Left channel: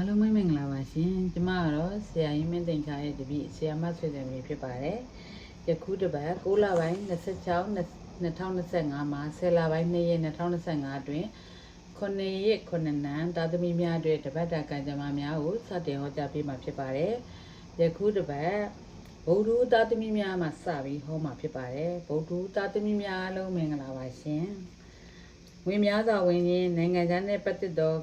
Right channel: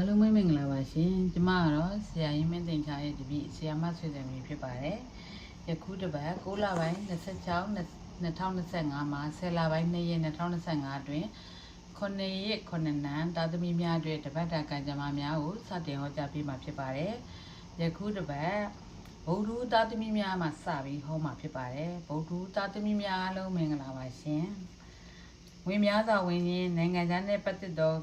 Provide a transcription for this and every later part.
အားလုံးပဲမင်္ဂလာပါရှင်ကျမကတော့ဆရာကြီးမင်းသိန်ချာရဲ့တပည့်ဆရာမဆွေတယ်မြေဖြစ်ပါတယ်ယခုတစ်ပတ်6လပိုင်း26 2025မှာ10လပိုင်း2ရက်2025အတွင်း9ရက်9နန်းသာသမီများအတွက်တပတ်တာကံကြမ္မာများကိုစတင်ဟောကြားပေးမှာဖြစ်ပါတယ်ယခုတစ်ပတ်ဗုဒ္ဓသာသမီများမှာစပြီးဟောမှာဖြစ်ပါတယ်ဗုဒ္ဓသာသမီများအားလုံးမင်္ဂလာပါရှင်ဝင်များစွာဝင်ရင်နိုင်ငံခြားနဲ့ပတ်သက်သော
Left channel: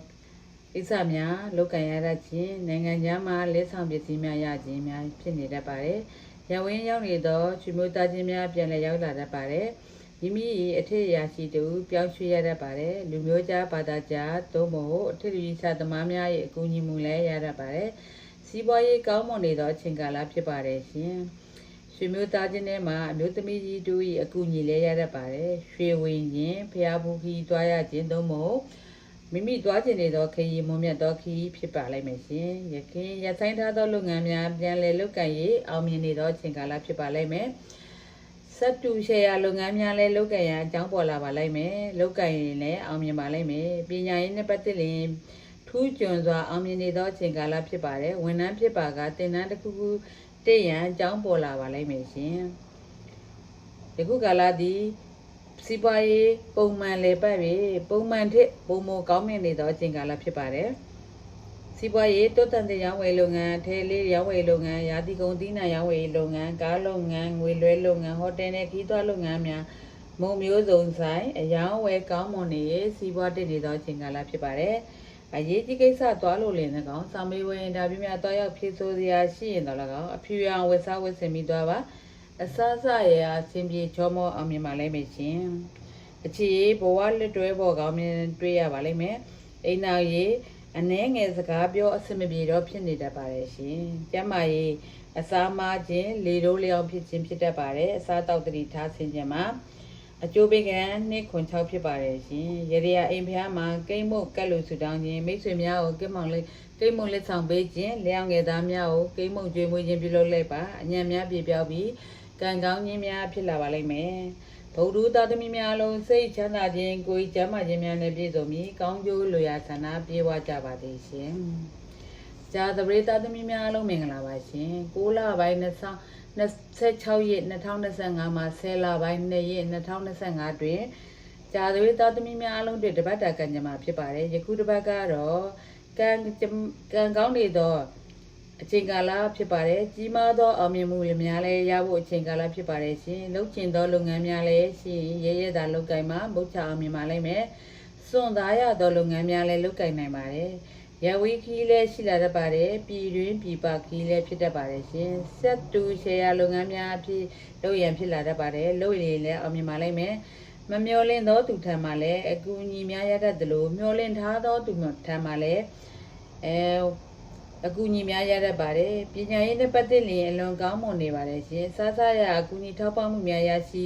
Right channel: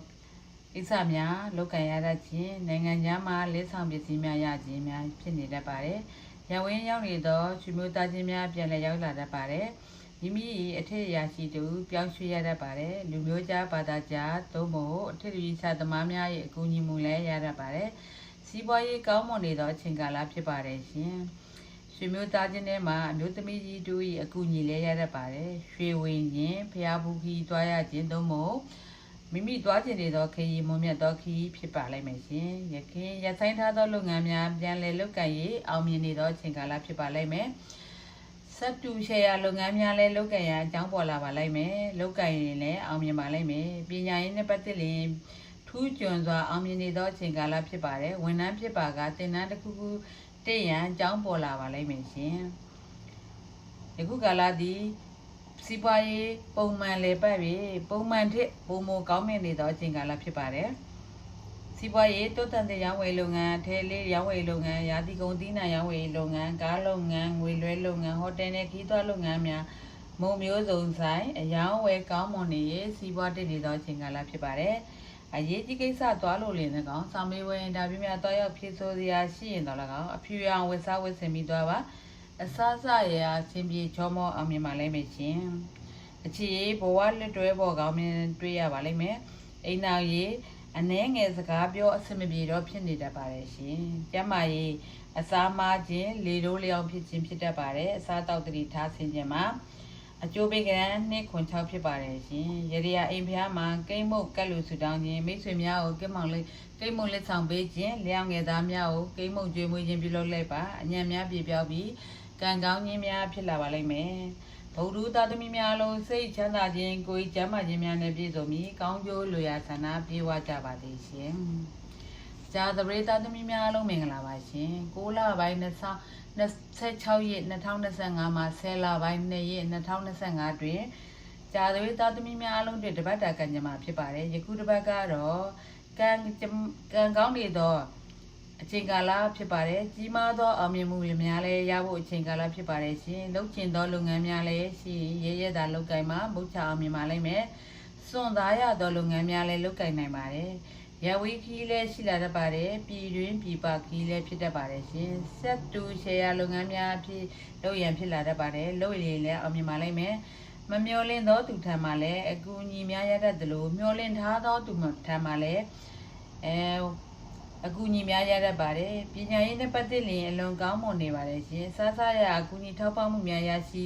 ကိစ္စများလုပ်ကံရတတ်ခြင်းနိုင်ငံခြားမှလက်ဆောင်ပစ္စည်းများရခြင်းများဖြစ်နေတတ်ပါတယ်။ရဝင်းရောက်နေသောချွေမျိုးသားချင်းများပြန်လည်ရောက်လာတတ်ပါတယ်။မိမိ၏အထက်အရာရှိတူပြောင်းရွှေ့ရတတ်ပါတယ်။လူမျိုးကြားဘာသာကြားသို့မဟုတ်အထက်လူကြီးသမားများ၏အကူအညီမှုလည်းရတတ်ပါတယ်။စီးပွားရေးကောင်းမွန်နေသောအချိန်ကာလဖြစ်ပါတယ်ရှင်။ရွှေမျိုးသားချင်းထဲမှာအမျိုးသမီးကြီးတို့၏အကူအညီလည်းရတတ်ပါတယ်။ရွှေဝင်ခြင်းဖျားဘူးခီတွားရခြင်းသို့မဟုတ် မိမိတွားကျင်နေသောခရီးမွန်မြတ်သောခရီးဖြစ်ပါလိမ့်မယ်ရှင်။ယခင်ရဆိုင်ထားသောလုပ်ငန်းများပြန်လည်လုပ်ကိုင်ရေးအောင်မြင်နေသောအချိန်ကာလဖြစ်ပါလိမ့်မယ်။စက်တူရှယ်ယာလုပ်ငန်းများလည်းလုပ်ကိုင်ရန်အကြောင်းပေါ်လာပါလိမ့်မယ်။လုပ်ကိုင်ရင်လည်းအောင်မြင်ပါလိမ့်မယ်။ပညာရေးနဲ့ပတ်သက်ရင်ထူးကျွန်းစွာအောင်မြင်နေသောအချိန်ကာလဖြစ်ပါတယ်။ဝန်ထမ်းဖြစ်ပါကသင်တန်းတစ်ခုခုတည့်ရန်အကြောင်းပေါ်လာပါလိမ့်မယ်ရှင်။ယခုကာလသည် စီးပွားရေးပုံမှန်လေပတ်ပြီးပုံမှန်ထက်ပုံမကောင်းမြင်နေသောအချိန်ကာလဖြစ်ပါတယ်။စီးပွားရေးတိုးတက်တဲ့ရောင်းဝယ်လုပ်ငန်းထဲလေးရောင်းဝယ်လုပ်ငန်းရာသီကုန်သီးနှံရောင်းဝယ်လုပ်ငန်းကားလုပ်ငန်းငွေလွှဲလုပ်ငန်းဟိုတယ်နဲ့ခီးသွွားလုပ်ငန်းများမုံမျိုးစုံဆိုင်အယောင်းဝယ်ကောင်းမွန်နေရဲ့စီးပွားတက်နေသောအချိန်ကာလဖြစ်ပါတယ်။အရေးကြီးကိစ္စသွားလို့လည်း၎င်းစာမေးပွဲအင်တာဗျူးများတွားရောက်ဖြေဆိုစရာရှိရင်တော့၎င်းအဖြူရောင်ဝက်စားဝက်ဆင်ပြီးသွားပါ အစစရရာအချင်းပြေချောမောအောင်မြင်ပါလိမ့်မယ်ရှင်အခြေဘဝလက်တွဲပေါ်ကောင်းမြင်တွေ့ရပါလိမ့်မယ်အိမ်နောက်ရေးအနှဲငယ်စကားပြောအဆင်မပြေတော့ဖြစ်နေတတ်ပါတယ်ရှင်ကျမကြီးအစားမခြင်းလေတိုးလျောင်းဖြစ်ခြင်းဖြစ်တတ်ပါတယ်အစားတောက်တတိထားဆင်ခြင်းမှာအကျိုးပေးကံနှစ်ခွန်6ဖြစ်ပါတယ်ရှင်ရေရအိမ်ဖျားမှာကိမ့်မုတ်ကက်လို့ဆူတောင်းခြင်းမိတ်ဆွေများကိုကိမ့်မောင်လေးကိမ့်မုတ်လက်ဆောင်ပေးခြင်းလျောင်းငယ်သားများကိုကိမ့်မုတ်ကျွေးမွေးခြင်းပြုလုပ်လိုက်ပါအညံ့များပြေပြောက်ပြီး ကံကောင်းခြင်းများဖြစ်လာပါလိမ့်မယ်ဗုဒ္ဓသားသမီးများလုံးစိတ်ချမ်းသာခြင်းကိုယ်ကျမ်းမာခြင်းများနဲ့ပြည့်စုံပြီးကောင်းကျိုးလိုရာဆန္ဒပြေဝကြပါစေရှင်။ဇာသပရိသားသမီးများလုံးမင်္ဂလာပါရှင်။6လပိုင်း26ရက်2025မှာ10လပိုင်း2ရက်2025တွင်ဇာသပရိသားသမီးများလုံးတွေတပတ်တာကံကြမ္မာဖြစ်ပါတယ်။ယခုတပတ်ကတော့ကံကံကောင်းနေသော အချိန်ကာလဖြစ်ပါတယ်ကြီးမားသောအောင်မြင်မှုတွေများလည်းရဖို့အချိန်ကာလဖြစ်ပါတယ်ရှင်လုပ်ချင်သောလုပ်ငန်းများလည်းရှိရဲရဲသာလုပ်ကိုင်မှာမုတ်ချအောင်မြင်ပါလိမ့်မယ်စွန့်သားရသောလုပ်ငန်းများလည်းလုပ်ကိုင်နိုင်ပါတယ်ရဝီခီးလည်းရှိလာတတ်ပါတယ်ပြည်တွင်းပြည်ပခီးလည်းဖြစ်တတ်ပါတယ်ရှင်ဆက်တူရှယ်ယာလုပ်ငန်းများဖြစ်လုပ်ရန်ဖြစ်လာတတ်ပါတယ်လုပ်ရည်လည်းအောင်မြင်ပါလိမ့်မယ်မမျောလင့်သောသူထံမှလည်းအကူအညီများရတတ်သလိုမျောလင့်ထားသောသူထံမှလည်းအဲ အကူအညီများရတတ်ပါတယ်ပညာရေးနဲ့ပတ်သက်ရင်အလွန်ကောင်းမွန်နေပါတယ်ရှင်စားစားရအကူအညီထောက်ပံ့မှုများရရှိ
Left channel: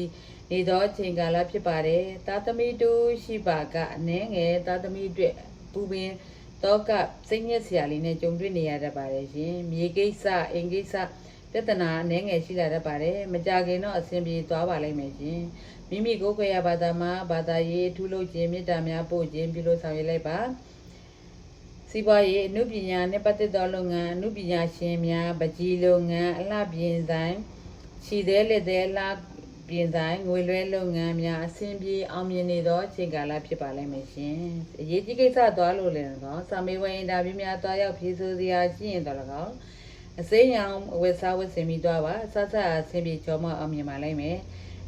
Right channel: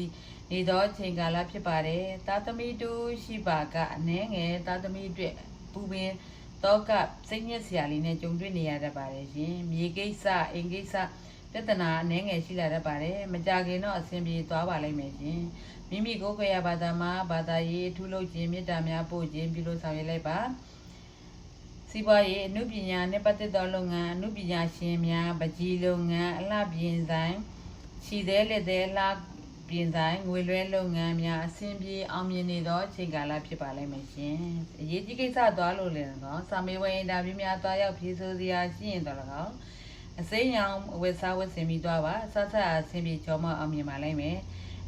နေသောအချိန်ကာလဖြစ်ပါတယ်သားသမီးတို့ရှိပါကအနှဲငယ်သားသမီးအတွက်ပူပင်တော့ကစိတ်ညစ်စရာလေးနဲ့ကြုံတွေ့နေရတတ်ပါတယ်ရှင်မြေကိစ္စအိမ်ကိစ္စပြဿနာအနှဲငယ်ရှိလာတတ်ပါတယ်မကြခင်တော့အဆင်ပြေသွားပါလိမ့်မယ်ရှင်မိမိကိုယ်ကိုယ်ရဘာသာမှာဘာသာရေးထူးလို့ခြင်းမေတ္တာများပို့ခြင်းပြုလို့ဆောင်ရွက်လိုက်ပါ စီးပွားရေးအမှုပညာနဲ့ပတ်သက်သောလုပ်ငန်းအမှုပညာရှင်များပကြီးလုပ်ငန်းအလှပြင်ဆိုင်ခြီသေးလက်သေးအလှပြင်ဆိုင်ငွေလွှဲလုပ်ငန်းများအဆင်ပြေအောင်မြင်နေသောအချိန်ကာလဖြစ်ပါလိမ့်မယ်ရှင်အရေးကြီးကိစ္စသွားလို့လည်းတော့စာမေးပွဲအင်တာဗျူးများသွားရောက်ဖြေဆိုစရာရှိရင်တော့လည်းကောအစိမ်းရောင်ဝက်စားဝက်ဆင်ပြီးသွားပါစစအဆင်ပြေကြောမအောင်မြင်ပါလိမ့်မယ်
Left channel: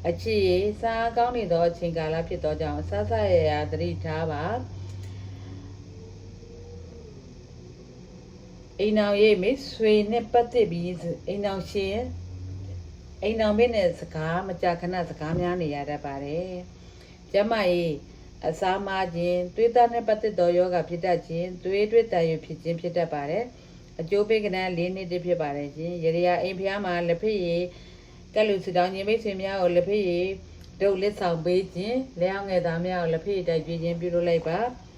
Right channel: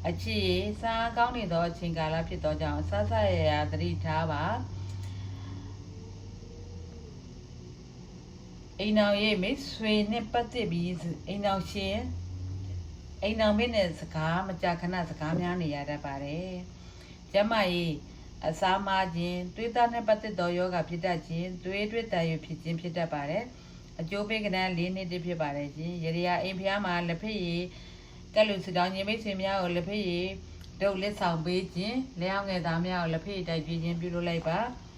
အချစ်ရေးစားကောင်းနေသောအချိန်ကာလဖြစ်သောကြောင့်စစရရသတိထားပါ အိမ်အောင်ရေးမိတ်ဆွေနဲ့ပတ်သက်ပြီးအိမ်အောင်ရှင်အိမ်အောင်မင်းနဲ့စကားမကြာခဏစကားများနေရတတ်ပါတယ်။ကျမကြီးအစာမခြင်းတွေးသားနဲ့ပတ်သက်သောယောဂဖြစ်တတ်ခြင်းတွေးတွေးတန်ရဖြစ်ခြင်းဖြစ်တတ်ပါတယ်။အကျိုးပေးကဏ္ဍ၄နှစ်တည်းဖြစ်ပါတယ်ရှင်။ရရအိမ်ဖျားမှာလက်ဖက်ရည်ကလူစတောင်းခြင်းမိတ်ဆွေများကိုလက်ဖက်ရည်ဒုတ်လက်ဆောင်ပေးခြင်းလျှောင်းငယ်သားများကိုလက်ဖက်ရည်တိုက်ပြခြင်းပြုလုပ်လိုက်ပါ။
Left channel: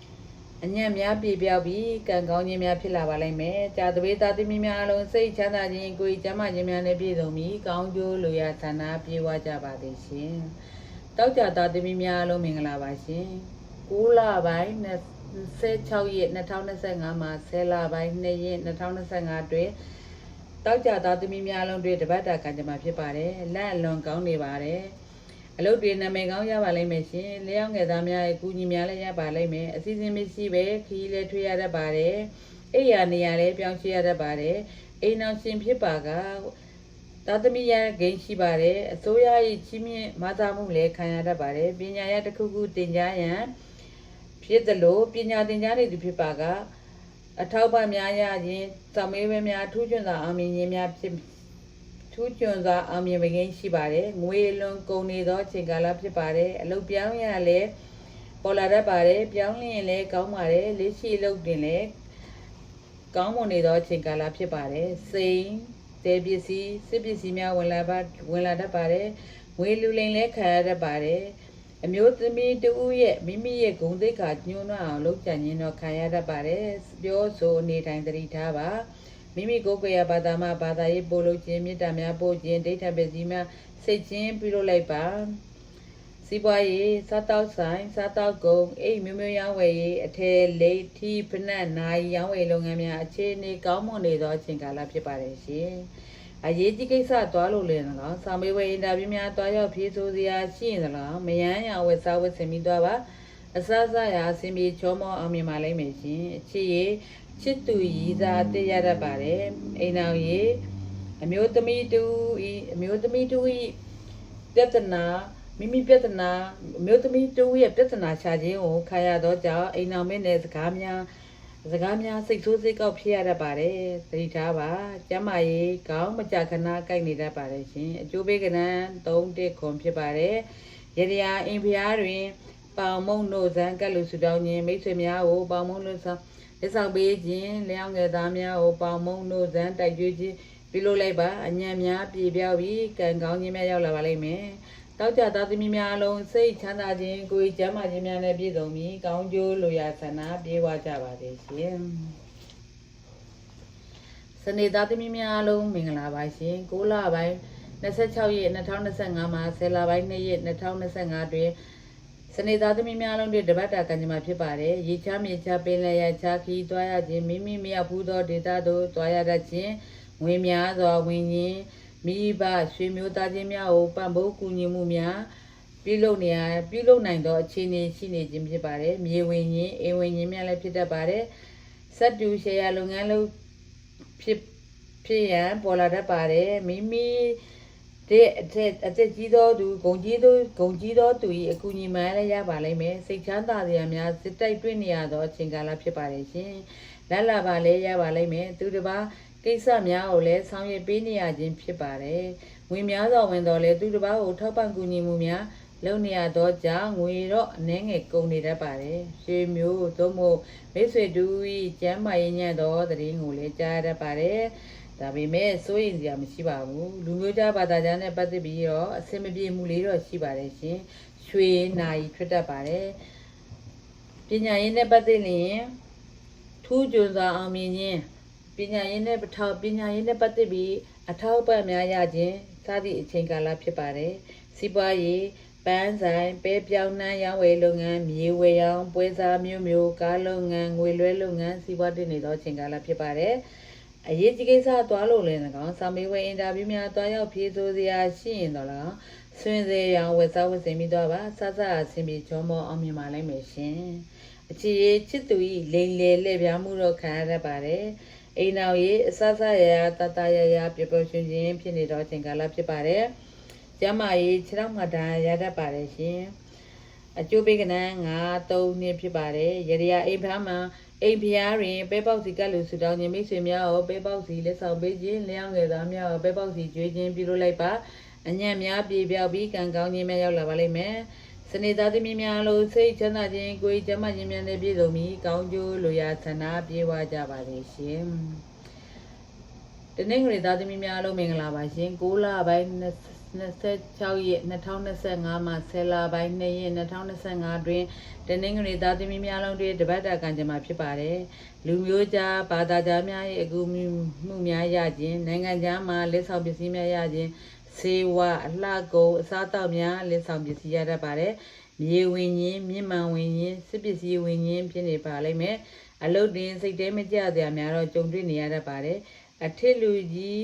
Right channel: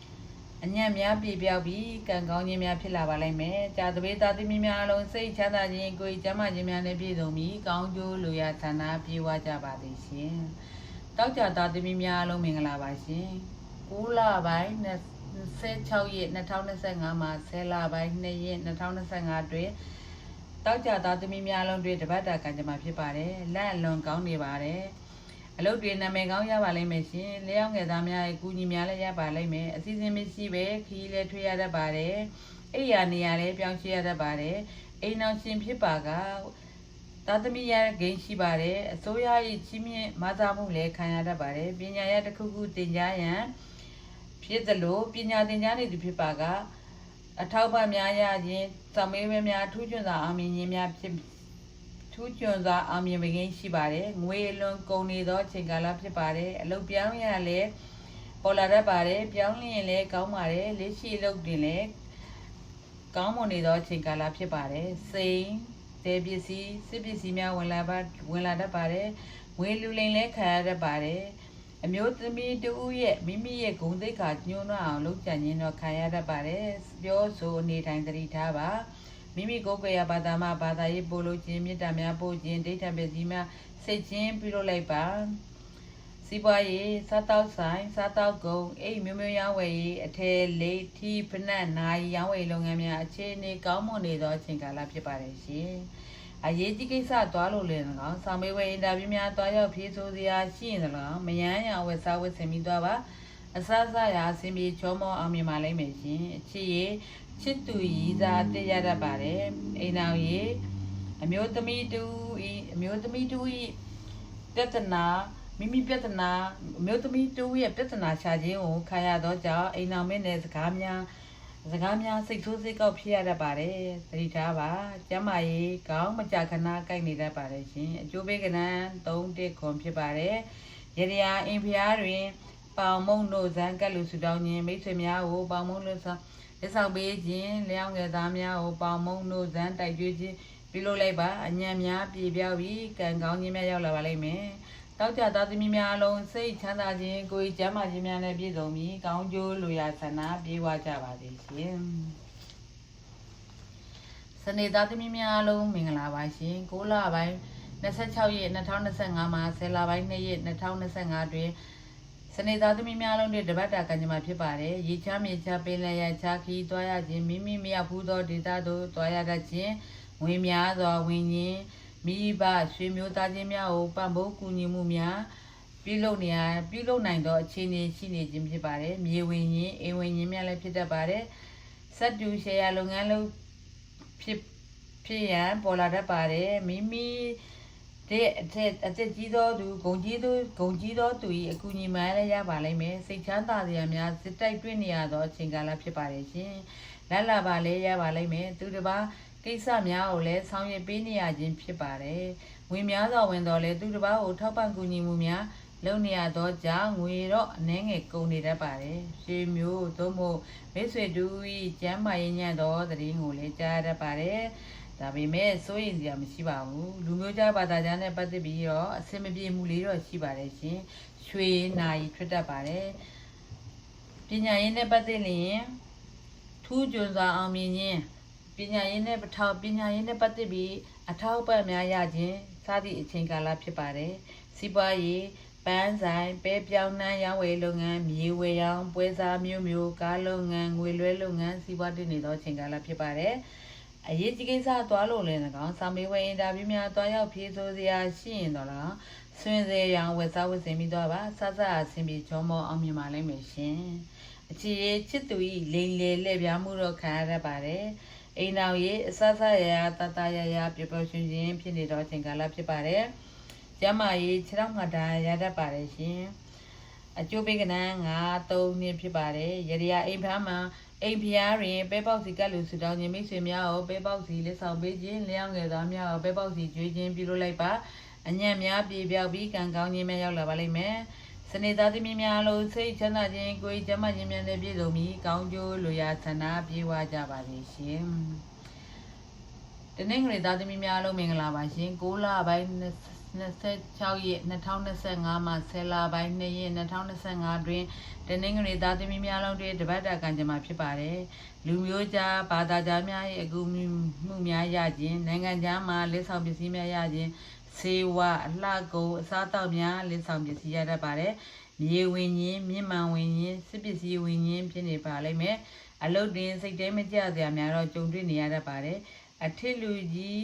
အညံ့များပြပြောက်ပြီးကံကောင်းခြင်းများဖြစ်လာပါလိမ့်မယ်။ကြာသပေးသားသမီးများအလုံးစိတ်ချမ်းသာခြင်းကိုယ်ကျမ်းမာခြင်းများနဲ့ပြည့်စုံပြီးကောင်းကျိုးလိုရာဆန္ဒပြေဝကြပါသည်ရှင်။တောက်ကြသားသမီးများအလုံးမင်္ဂလာပါရှင်။9လပိုင်း16ရက်2025မှာ10လပိုင်း2ရက်2025တွင်တောက်ကြသားသမီးများလုံးတွေတပတ်တာကံကြမ္မာဖြစ်ပါတယ်လက်အလွန်ကောင်းနေပါတယ် အလုပ်တွေနာမည်ကောင်းရပါလိမ့်မယ်ရှင်လျောင်းငယ်သားများရဲ့ကူညီများလည်းရပါလိမ့်မယ်အစီအစဉ်မရှိပဲခီးလည်းထွေးရတတ်ပါတယ်အိယာနေရာလည်းပြောင်းချရတတ်ပါတယ်အိမ်အောင်ရှင်ဖြစ်ပါကသာသမီရဂိမ်းရှိပါတယ်အစိုးရ၏ချင်းမြင့်မသာမှုလည်းခံရတတ်ပါတယ်ပညာရတစ်ခုခုသင်ကြားရန်ဖြစ်သလိုပညာသင်ကြားနေသူဖြစ်ပါကအထောက်ပံ့များရခြင်းသမေးဝင်းများထူးချွန်စွာအောင်မြင်ခြင်းများဖြစ် ထူးချွန်စွာအောင်မြင်ပကင်းရှိပါတယ်ငွေလွန်ကုန်နေသောအချိန်ကာလဖြစ်ပါတယ်အလုပ်ပြောင်းရလည်းပေါ်လာတတ်ပါတယ်ပြောင်းလျင်လည်းကောင်းပါတယ်လက်ရှိအလုပ်တင်လည်းကောင်းမွန်နေသောအချိန်ကာလဖြစ်ပါတယ်။စိန်တဲပစ္စည်းစစ်ပစ္စည်းများဝင်လာပါဝင်လာတတ်ပါတယ်။ငွေလူလိမ်လည်းခံရတတ်ပါတယ်။အမျိုးသမီးတဦးရဲ့မိမိရဲ့ဂုဏ်သိက္ခာညှိုးနှောက်အောင်လုပ်ကြံခြင်းတော့ခံရတတ်ပါတယ်။ပြောဆိုနေတိုင်းသတိထားပါ။ မိမိကိုယ်ကိုယ်ရဘာသာမှဘာသာရေးပို့လို့ခြင်းမေတ္တာများပို့ခြင်းဒိဋ္ဌပစ္စည်းများစိတ်ချင်းပြုလုပ်လိုက်ပါ။စီးပွားရေးစားတောက်ဆိုင်စားတောက်ကုန်အိမ်မျိုးမျိုးရောင်းဝယ်ရေးအထည်လိပ်ထီဖနက်နိုင်ရောင်းဝယ်လုပ်ငန်းများအခြေအနေကောင်းမွန်နေသောအချိန်ကာလဖြစ်ပါတယ်ရှင်။အရေးကြီးကိစ္စသွားလို့လည်း၎င်းဆောင်းမေးဝဲအင်တာဗျူးများသွားရောက်ဖြေဆိုစရာရှိရင်၎င်းမယမ်းရောင်ဝယ်စားဝယ်ဆင်ပြီးသွားပါအစစရာအစဉ်ပြေချောမောအောင်မြင်ပါလိမ့်မယ်ရှင်။အချစ်ရေး ချစ်သူရည်စားတည်ရတတ်ပါတယ်။အိမ်အောင်ရေးအမျိုးသမီးတူဤအမျိုးသမီးတူဤပြဿနာမိမိပြဿနာအမျိုးသမီးတူရဲ့ပြဿနာရှာခြင်းကိုခံရတော့ကြောင့်အိမ်အောင်မင်းနဲ့စကားများစကားများစိတ်ဆိုးစိတ်ကောက်ဖြစ်ရတတ်ပါတယ်သတိထားပါကျမ်းမာရေးကောင်းမကြခဏကိုက်နေတတ်ပါတယ်ရှင်အကျိုးပေးကဏ္ဍ3တက်ခွန်ဖြစ်ပါတယ်ရရယာအင်ဖျားတွင်ပေါင်မုံတို့ဇံကက်လူစုတောင်းခြင်းမိတ်ဆွေများကိုပေါင်မုံလို့ဆောင် လက်ဆောင်ပေးခြင်းလျောင်းငယ်သားများကိုပေါင်မုံတို့ဇံတိုက်ကျွေးခြင်းပြုလုပ်လိုက်ပါအညံများပြေပြောက်ပြီးကံကောင်းခြင်းများရောက်လာပါလိမ့်မယ်တောက်ကြသားသမီးများအလုံးစိတ်ချမ်းသာခြင်းကိုယ်ကျမ်းမာခြင်းများနဲ့ပြည့်စုံပြီးကောင်းကျိုးလိုရာဆန္ဒပြေဝကြပါစေရှင်စနေသားသမီးများအလုံးမင်္ဂလာပါရှင်6လပိုင်း26ရက်2025မှာ10လပိုင်း2ရက်2025တွင် စနေသားသမီးများလုံးတွေတပတ်တာကံကြမ္မာဖြစ်ပါတယ်။ရေချမြေချပင်လယ်ရချခီးသွားရခြင်းမိမိမရောက်ဘူးသောဒေတာတို့သွားရတတ်ခြင်းဝင်များစွာဝင်ခြင်းမိဘရွှေမျိုးသားချင်းများကိုပံ့ပိုးကူညီမှုများပြုလုပ်နေရပြုလုပ်နိုင်သောအခြေအနေရှိနေခြင်းဖြစ်ပါတယ်။မြေဝင်ခြင်းအိမ်ဝင်ခြင်းများလည်းဖြစ်တတ်ပါတယ်။စက်တူရှယ်ယာလုပ်ငန်းလုပ်ဖြစ်ဖြစ်ရန်ပေါ်လာတတ်ပါတယ်။မိမိ တဲ့အသက်အသက်ကြီးသောသူဂုံကြီးသောဂုံကြီးသောသူ၏အကူအညီမှလည်းရပါလိမ့်မယ်စိတ်ချမ်းသာစရာများစစ်တိုက်တွေ့နေရသောအချိန်ကာလဖြစ်ပါတယ်ရှင်လက်လာပါလည်းရပါလိမ့်မယ်သူတစ်ပါးကိစ္စများကိုလည်းဆောင်ရွက်ပေးနေရခြင်းဖြစ်ပါတယ်ဝင်များစွာဝင်တော်လဲသူတစ်ပါးကိုထောက်ပံ့ကူညီမှုများလုပ်နေရသောကြောင့်ငွေတော့အနှဲငယ်ကုန်နေတတ်ပါတယ်ရှေမျိုးသို့မဟုတ်မိတ်ဆွေတူ၏ကျမ်းမာရေးညံ့သောတည်င်းကိုလည်းကြားရတတ်ပါတယ် ဒါပေမဲ့စိုးရင်စရာမရှိပါဘူးလူမျိုးကြားဘာသာကြားနဲ့ပတ်သက်ပြီးတော့အဆင်မပြေမှုလေးတော့ရှိပါတယ်ရှင်ရွှေနာရီထွက်တတ်ပါတယ်ပညာရေးနဲ့ပတ်သက်ရင်ထူးကျွန်းစွာအောင်မြင်ခြင်းပညာရေးနဲ့ပထောက်ပညာရေးနဲ့ပတ်သက်ပြီးအထောက်အပံ့များရခြင်းစသည့်အချိန်ကာလဖြစ်ပါတယ်စီးပွားရေးပန်းဆိုင်ပဲပြောင်းနှမ်းရောင်းဝယ်လုပ်ငန်းမြေဝယ်ရောင်းပွဲစားမျိုးမျိုးကားလုပ်ငန်းငွေလွှဲလုပ်ငန်းစီးပွားတင်နေသောအချိန်ကာလဖြစ်ပါတယ် အရေးကြီးကိစ္စသွားလို့လည်း၎င်းစာမေးပွဲအင်တာဗျူးများသွားရောက်ဖြေဆိုစရာရှိရင်တော့၎င်းဆွေးစေရန်ဝက်စားဝက်စင်ပြီးတော့ပါစစအဆင်ပြေချောမောအောင်မြင်ပါလိမ့်မယ်ရှင်အချစ်ရေးချစ်သူဤလိန်လေလက်ပြားမှုတော့ခံရတတ်ပါတယ်အိမ်နောက်ရေးအစစရရတတရရပျော်ပျော်ရွှင်ရွှင်ဖြစ်နေတော့အချိန်ကာလဖြစ်ပါတယ်ကျမ်းမာရေးခြေထောက်ငါတန်ရတတ်ပါတယ်ရှင် အကျိုးပေးကနန်း9 3နှစ်ဖြစ်ပါတယ်ရရအိမ်ဖျားမှာအိမ်ဖျားတွင်ပဲပေါက်စီကတ်လူဆူတောင်းခြင်းမိတ်ဆွေများကိုပဲပေါက်စီလက်ဆောင်ပေးခြင်းလျောင်းငယ်သားများကိုပဲပေါက်စီကျွေးခြင်းပြုလုပ်လိုက်ပါအညံ့များပြေပြောက်ပြီးကံကောင်းခြင်းများရောက်လာပါလိမ့်မယ်စနေသားသမီးများလို့စိတ်ချမ်းသာခြင်းကိုယ်ကျမ်းမာခြင်းများနဲ့ပြည့်စုံပြီးကောင်းကျိုးလိုရာဆန္ဒပြေဝကြပါစေရှင်တနင်္ဂနွေသားသမီးများလုံးမင်္ဂလာပါရှင်6လပိုင်း 26ရက်2025မှာ10လပိုင်း2ရက်2025တွင်တနင်္ဂနွေသားသမီးများလုံးတွေတပတ်တာကံကြမ္မာဖြစ်ပါတယ်လူမျိုးကြားဘာသာကြားများရဲ့အကူအညီမှုများရခြင်းနိုင်ငံခြားမှာလက်ဆောင်ပစ္စည်းများရခြင်းစေဝါအလှကုန်အစားအသောက်များလက်ဆောင်ပစ္စည်းရတတ်ပါတယ်မြေဝင်ရင်မြင့်မှန်ဝင်ရင်စစ်ပစ္စည်းဝင်ရင်ဖြစ်နေပါလိမ့်မယ်အလုတ်တင်စိတ်တဲမကြစရာများတော့ကြုံတွေ့နေရတတ်ပါတယ်အထစ်လူကြီး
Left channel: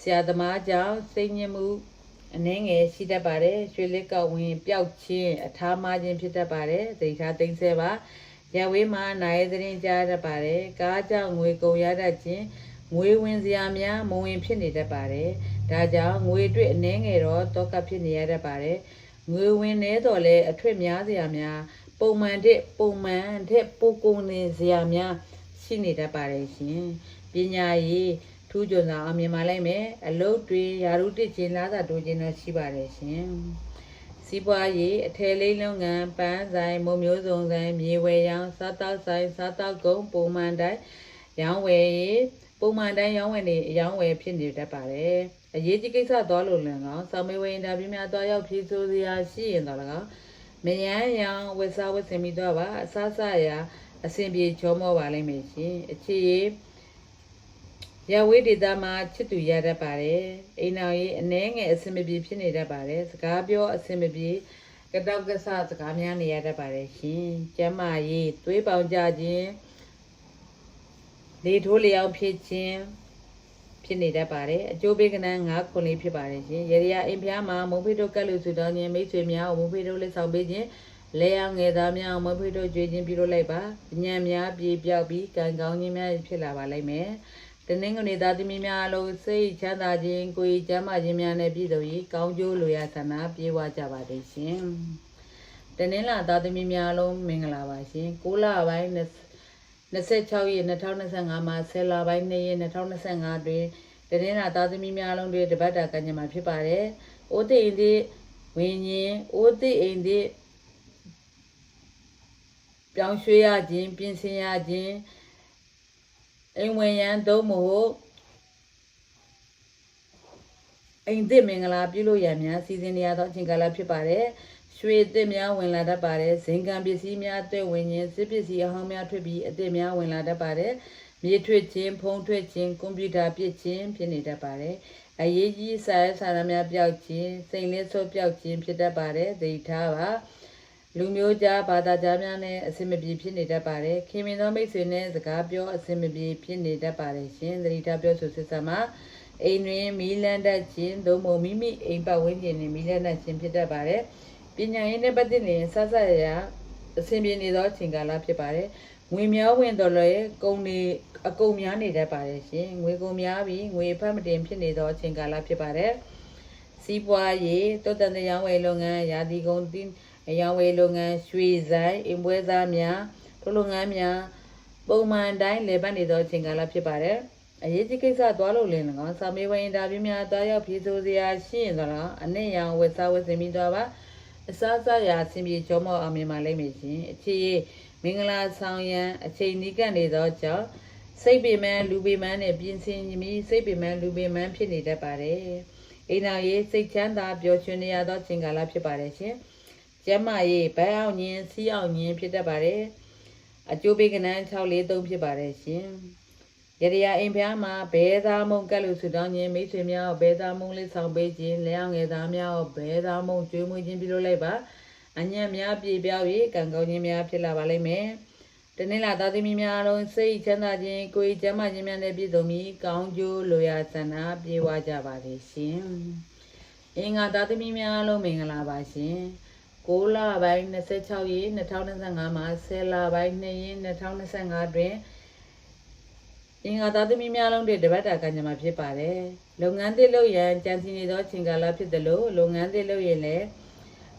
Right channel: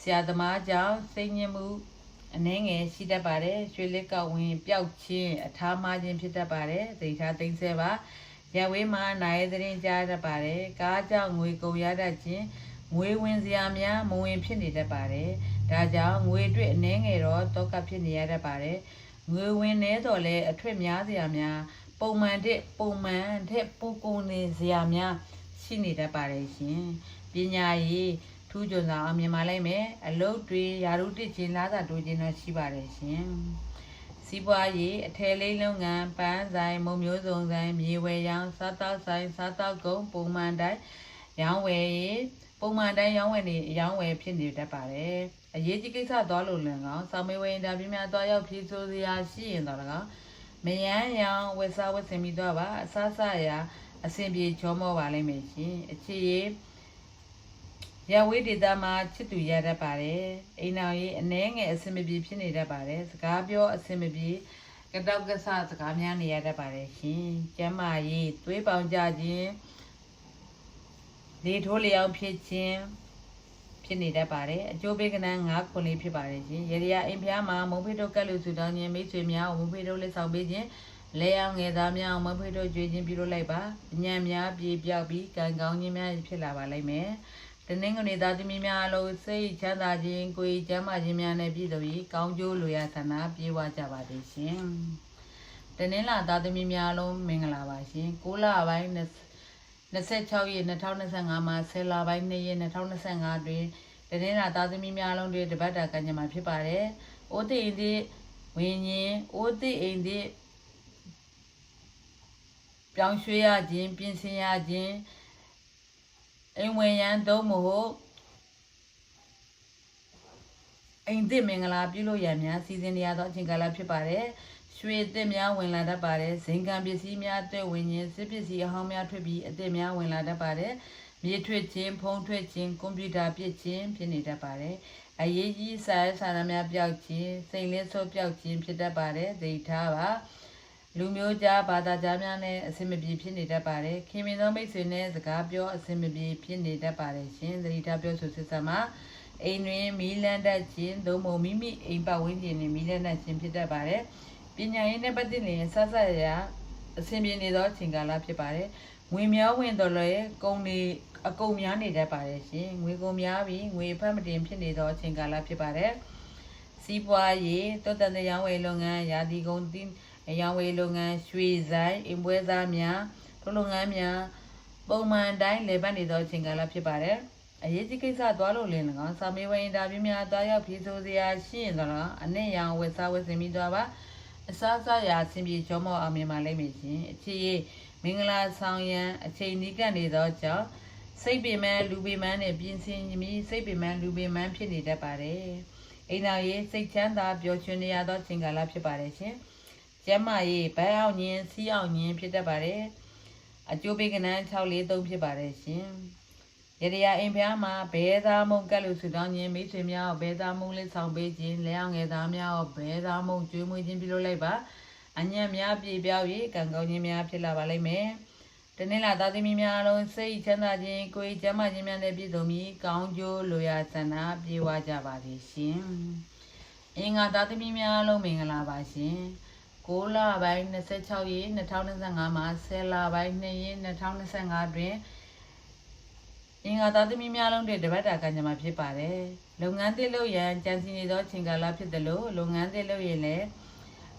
ဆရာသမားကြောင့်စိတ်ညစ်မှု အနှင်းငယ်ရှိတတ်ပါတယ်ရွှေလက်ကဝင်ပျောက်ခြင်းအထားမခြင်းဖြစ်တတ်ပါတယ်သိထားသိမ့်ဆဲပါရဝေးမှာနိုင်သတင်းကြားတတ်ပါတယ်ကားကြောင့်ငွေကုန်ရတတ်ခြင်းငွေဝင်စရာများမဝင်ဖြစ်နေတတ်ပါတယ်ဒါကြောင့်ငွေတွေ့အနှင်းငယ်တော့တောကဖြစ်နေရတတ်ပါတယ်ငွေဝင်နေတော့လဲအထွတ်များစရာများပုံမှန်တဲ့ပုံမှန်တဲ့ပိုကုန်နေစရာများရှိနေတတ်ပါတယ်ရှင်ပညာရေး ထူးချွန်စွာအောင်မြင်ပါလိမ့်မယ်အလုပ်တွေယာရုတစ်ချင်းလာသာတိုးခြင်းတော့ရှိပါတယ်ရှင်စီးပွားရေးအထည်လေးလုပ်ငန်းပန်းဆိုင်မုံမျိုးစုံဆိုင်မြေဝယ်ရောင်းစားတောက်ဆိုင်စားတောက်ကုန်ပုံမှန်တိုင်းရောင်းဝယ်ရေးပုံမှန်တိုင်းရောင်းဝယ်နေရောင်းဝယ်ဖြစ်နေတတ်ပါတယ်အရေးကြီးကိစ္စသွားလို့လည်းကောင်းစောင်းမေးဝယ်အင်တာဗျူးများသွားရောက်ဖြေဆိုစရာရှိရင်တော့လည်းကောင်းမယန်းရောင်ဝစ်စားဝစ်စင်ပြီးတော့ပါအစားစားရာအဆင်ပြေချောမောပါလိမ့်မယ်ရှင်အခြေရေး ရဝေးဒေတာမှာချစ်သူရတတ်ပါတယ်အိမ်တော်ရေးအနှဲငယ်အဆင်မပြေဖြစ်နေတတ်ပါတယ်စကားပြောအဆင်မပြေကတောက်ကဆစကားများနေရတတ်ပါတယ်ရှင်ကျမ်းမာရေးသွေးပေါင်ကြခြင်းလေထိုးလျောင်းဖြစ်ခြင်းဖြစ်နေတတ်ပါတယ်အကျိုးပေးကနန်း၅ခုလေးဖြစ်ပါတယ်ရှင်ရေရအိမ်ဖျားမှာမုံဖေးတို့ကက်လို့ဆူတောင်းခြင်းမိတ်ဆွေများကိုမုံဖေးတို့လက်ဆောင်ပေးခြင်းလဲအောင်ငယ်သားများမုံဖေးတို့ကြွေးခြင်းပြုလုပ်လိုက်ပါညံများပြေပြောက်ပြီးကံကောင်းခြင်းများဖြစ်လာပါလိမ့်မယ် တနင်္ဂနွေသားသမီးများအလုံးစိတ်ချမ်းသာခြင်းကိုယ်ကျမ်းမာခြင်းများနဲ့ပြည့်စုံ၍ကောင်းကျိုးလိုရာဆန္ဒပြေဝကြပါစေရှင်တနင်္လာသားသမီးများအလုံးမင်္ဂလာပါရှင်6လပိုင်း26ရက်2025မှာ10လပိုင်း2ရက်2025တွင်တနင်္လာသားသမီးများလုံးတွေတပတ်တာကံကြမ္မာဖြစ်ပါတယ်။အိုးသိအိမ်သည်ဝင်းရင်အိုးသိအိမ်သည်ပြောင်းရွှေ့ရခြင်းပြင်ဆင်ရခြင်း အိမ်ဝင်ရန်သို့မဟုတ်အိမ်သစ်မင်္ဂလာပြုလို့ရများစီစဉ်နေရသောအချိန်ကာလဖြစ်ပါတယ်။ရွှေသစ်များဝင်လာတတ်ပါတယ်။ဇင်ကံပစ္စည်းများအသက်ဝင်ခြင်းစစ်ပစ္စည်းအဟောင်းများထွက်ပြီးအသစ်များဝင်လာတတ်ပါတယ်။မြေထွက်ခြင်းဖုံးထွက်ခြင်းကွန်ပျူတာပြစ်ခြင်းဖြစ်နေတတ်ပါတယ်။အရေးကြီးစာရေးစာတမ်းများပျောက်ခြင်းစိတ်လင်းဆိုးပျောက်ခြင်းဖြစ်တတ်ပါတယ်။သိထားပါ။ လူမျိုးကြားဘာသာကြားများနဲ့အဆင်မပြေဖြစ်နေတတ်ပါတယ်။ခင်မင်သောမိတ်ဆွေနဲ့စကားပြောအဆင်မပြေဖြစ်နေတတ်ပါတယ်ရှင်။သတိထားပြောဆိုစစ်ဆက်မှာအိမ်တွင်မီးလန်းတတ်ခြင်းသို့မဟုတ်မိမိအိမ်ပတ်ဝန်းကျင်တွင်မီးလန်းတတ်ခြင်းဖြစ်တတ်ပါတယ်။ပညာရေးနဲ့ပတ်သက်ရင်ဆက်ဆက်ရရအဆင်ပြေနေသောအချိန်ကာလဖြစ်ပါတယ်။ငွေများဝင်တော်လည်းကုန်နေအကုန်များနေတတ်ပါတယ်ရှင်။ငွေကုန်များပြီးငွေဖတ်မတင်ဖြစ်နေသောအချိန်ကာလဖြစ်ပါတယ်။စီးပွားရေးတောတန်ရောင်းဝယ်လုပ်ငန်းရာသီကုန်တင်း အရောင်းဝယ်လုပ်ငန်းရွှေဆိုင်အင်ပွဲသားများထိုလုပ်ငန်းများပုံမှန်တိုင်းလည်ပတ်နေသောအချိန်ကာလဖြစ်ပါတယ်။အရေးကြီးကိစ္စသွားလို့လင်း၎င်းစာမေးပွဲအင်တာဗျူးများသွားရောက်ဖြေဆိုစရာရှိရင်တော့အနည်းရောင်ဝက်စားဝက်စင်ပြီးသွားပါအစားအစာရာအဆင်ပြေကြောမောအောင်မြင်ပါလိမ့်မယ်ရှင်အခြေမင်္ဂလာဆောင်ရန်အချိန်နီးကပ်နေသောကြောင့်စိတ်ပေမန်းလူပေမန်းနဲ့ပြင်ဆင်ပြီးစိတ်ပေမန်းလူပေမန်းဖြစ်နေတတ်ပါတယ်အိမ်တော်ရေးစိတ်ချမ်းသာပျော်ရွှင်နေရသောအချိန်ကာလဖြစ်ပါတယ်ရှင် ကျမ်းမာရေးဘန်းအောင်ညင်စီးအောင်ညင်ဖြစ်တတ်ပါတယ်အကျိုးပေးကနန်း643ဖြစ်ပါတယ်ရှင်ရရအိမ်ဖျားမှာဘဲသားမုံကက်လို့ဆူတောင်းခြင်းမိတ်ဆွေများဘဲသားမုံလေးဆောင်ပေးခြင်းလဲအောင်ငယ်သားများဘဲသားမုံကျွေးမွေးခြင်းပြုလုပ်လိုက်ပါအညံ့များပြေပြောက်၍ကံကောင်းခြင်းများဖြစ်လာပါလိမ့်မယ်တနေ့လာသားသမီးများလုံးစိတ်ချမ်းသာခြင်းကိုယ်ကျမ်းမာခြင်းများနဲ့ပြည့်စုံပြီးကောင်းကျိုးလိုရာဆန္ဒပြေဝကြပါလေရှင်အင်္ဂါသားသမီးများလုံးမင်္ဂလာပါရှင် 6လပိုင်း26ရက်2025မှာ10လပိုင်း2ရက်2025တွင်အင်္ဂါသားသမီးများလုံးတွေတပတ်တာကညမှာဖြစ်ပါတယ်။လုပ်ငန်းသစ်လုပ်ရန်ကြံစီနေသောချိန်ကာလဖြစ်တယ်လို့လုပ်ငန်းသစ်လုပ်ရင်လည်း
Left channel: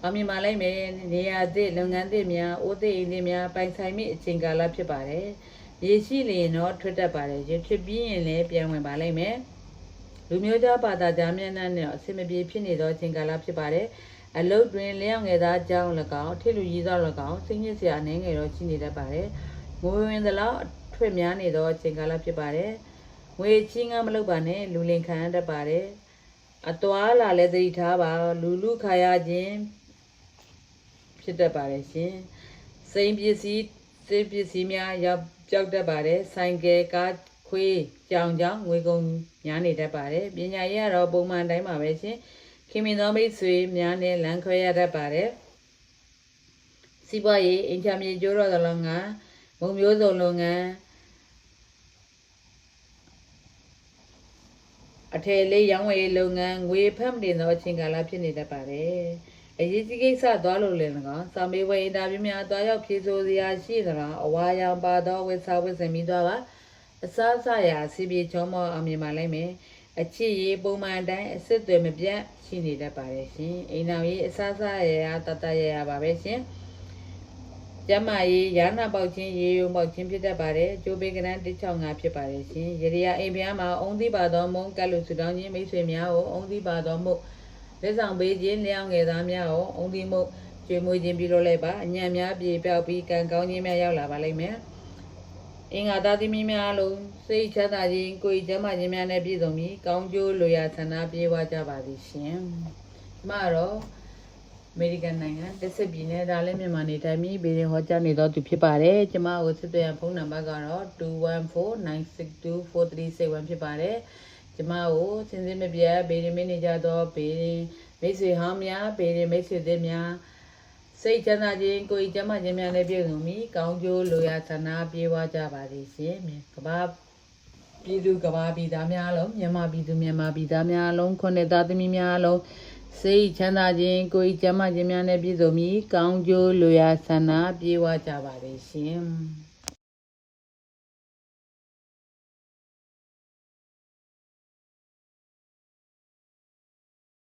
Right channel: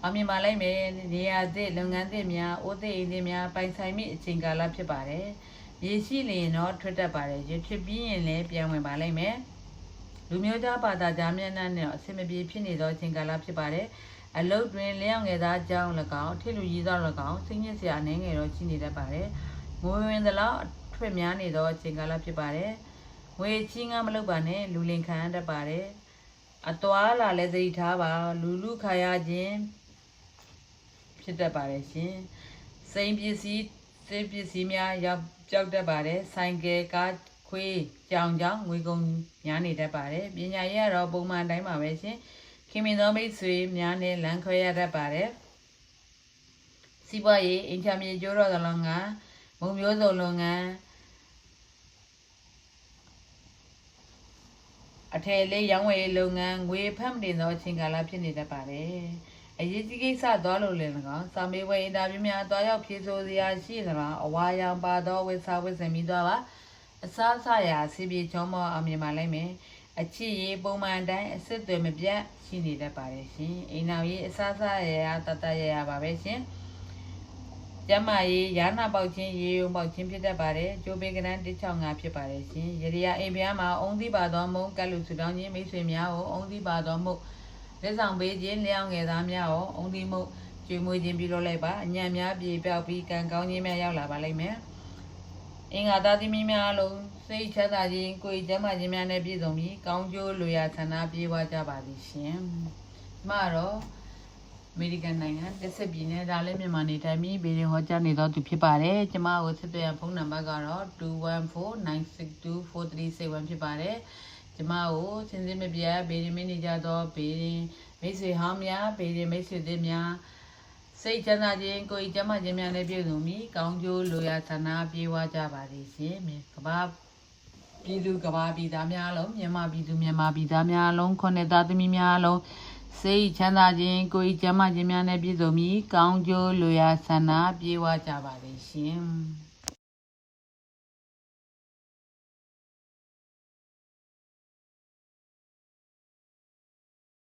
အောင်မြင်ပါလိမ့်မယ်။နေရာသစ်လုပ်ငန်းသစ်များအိုးသစ်အိမ်သစ်များပိုင်ဆိုင်မိအချိန်ကာလဖြစ်ပါတယ်။ရေရှိလျင်တော့ထွက်တတ်ပါတယ်။ရေထွက်ပြီးရင်လည်းပြန်ဝင်ပါလိမ့်မယ်။လူမျိုးသားဘာသာကြားများနဲ့အဆင်မပြေဖြစ်နေသောချိန်ကာလဖြစ်ပါတယ်။ အလုတ်တွင်လျောင်းငယ်သားကြောင်း၎င်းထိလူကြီးသော၎င်းစိတ်ညစ်စရာအနေငယ်တော့ရှိနေတတ်ပါတယ်။ငိုဝင်သလောက်ထွေများနေသောအချိန်ကာလဖြစ်ပါတယ်။ငွေချင်းကမလုပ်ပါနဲ့လူလင်ခံရတတ်ပါတယ်။အသွားလာလည်းသတိထားပါလူလူခါရခြင်းဖြစ်တတ်ပါတယ်ရှင်။စိန်ပစ္စည်းစိတ်ပစ္စည်းများရောက်ကြောက်တတ်ပါတယ်။ဆိုင်ကယ်ကားခွေးကြောင်ကြောင်ငွေကုန်များနေတတ်ပါတယ်။ပညာရေးကတော့ပုံမှန်တိုင်းပါပဲရှင်။ ခင်မင်သောမိတ်ဆွေများနဲ့လမ်းခွဲရတတ်ပါတယ်။စီးပွားရေးအင်ချာမြေကျိုးတော်သလုံးကမုံမျိုးစုံလုပ်ငန်းအထည်လေးရောင်းဝယ်ရေးလုပ်ငန်းငွေဖက်မတင်သောအချိန်ကာလဖြစ်နေတတ်ပါတယ်။အရေးကြီးကိစ္စသွားလို့လည်း၎င်းစာမေးပွဲအင်တာဗျူးများသွားရောက်ဖြေဆိုစရာရှိသလားအဝါရောင်ပါသောဝက်စာဝက်စင်ပြီးသွားပါအစားအစာရာစီပြေချုံမောအမြင်ပါလိမ့်မယ် အချစ်ရေးပုံမှန်အတိုင်းအစစ်အသွယ်မပြတ်ရှိနေတတ်ပါတယ်ရှင်အိမ်တော်ရေးအစားအစာရာတတရရပါပဲရှင်ကျမကြီးရာနာပေါက်ချင်းရေယုံပေါက်ချင်းဖြစ်တတ်ပါတယ်ကျိုးပေးကနန်း165ဖြစ်ပါတယ်ရှင်ရေရအိမ်ဖျားမှာအုံသီးပါသောမုံကတ်လို့ဆူတောင်းခြင်းမိတ်ဆွေများကိုအုံသီးပါသောမုတ်လက်ဆောင်ပေးခြင်းလျောင်းငယ်သားများကိုအုံသီးမုတ်ကျွေးမွေးခြင်းပြုလုပ်လိုက်ပါအညံ့များပြေပြောက်ပြီးကံကောင်းခြင်းများရောက်လာပါလိမ့်မယ် အင်္ဂါသားသမီးများလုံးစိတ်ချမ်းသာခြင်းကိုယ်ကျမ်းမာခြင်းများနဲ့ပြည့်စုံပြီးကောင်းကျိုးလိုရာဆန္ဒပြေဝကြပါသည်ရှင်ကျမတော့အမေရိကန်နိုင်ငံတစ်စစ်ပြည်နယ်ဒါလည်းမြန်မာနေတိုင်းပြည်ဘေးရင်ဟောကြားနေတော့သူဖြစ်ပါတယ်ကျမကိုဆက်သွယ်ရဖုန်းနံပါတ်ကတော့214962436ဖြစ်ပါတယ်ကျမကိုစင်စင်မပြတ်ဘေးရင်မနေကြတော့ဘေးရင်မိတ်ဆွေဟောင်းများဘေးရင်မိတ်ဆွေသစ်များ စိတ်ချမ်းသာခြင်းကိုယ်ကျမ်းမာခြင်းများနဲ့ပြည့်စုံပြီးကောင်းကျိုးလိုရာဆန္ဒပြေဝကြပါသည်ရှင်မြတ်ကဘာပြည်သူကဘာပြည်သားများအလုံးမြန်မာပြည်သူမြန်မာပြည်သားများအလုံးခွန်းတဲ့သားသမီးများအလုံးစိတ်ချမ်းသာခြင်းကိုယ်ကျမ်းမာခြင်းများနဲ့ပြည့်စုံပြီးကောင်းကျိုးလိုရာဆန္ဒပြေဝကြပါလေရှင်။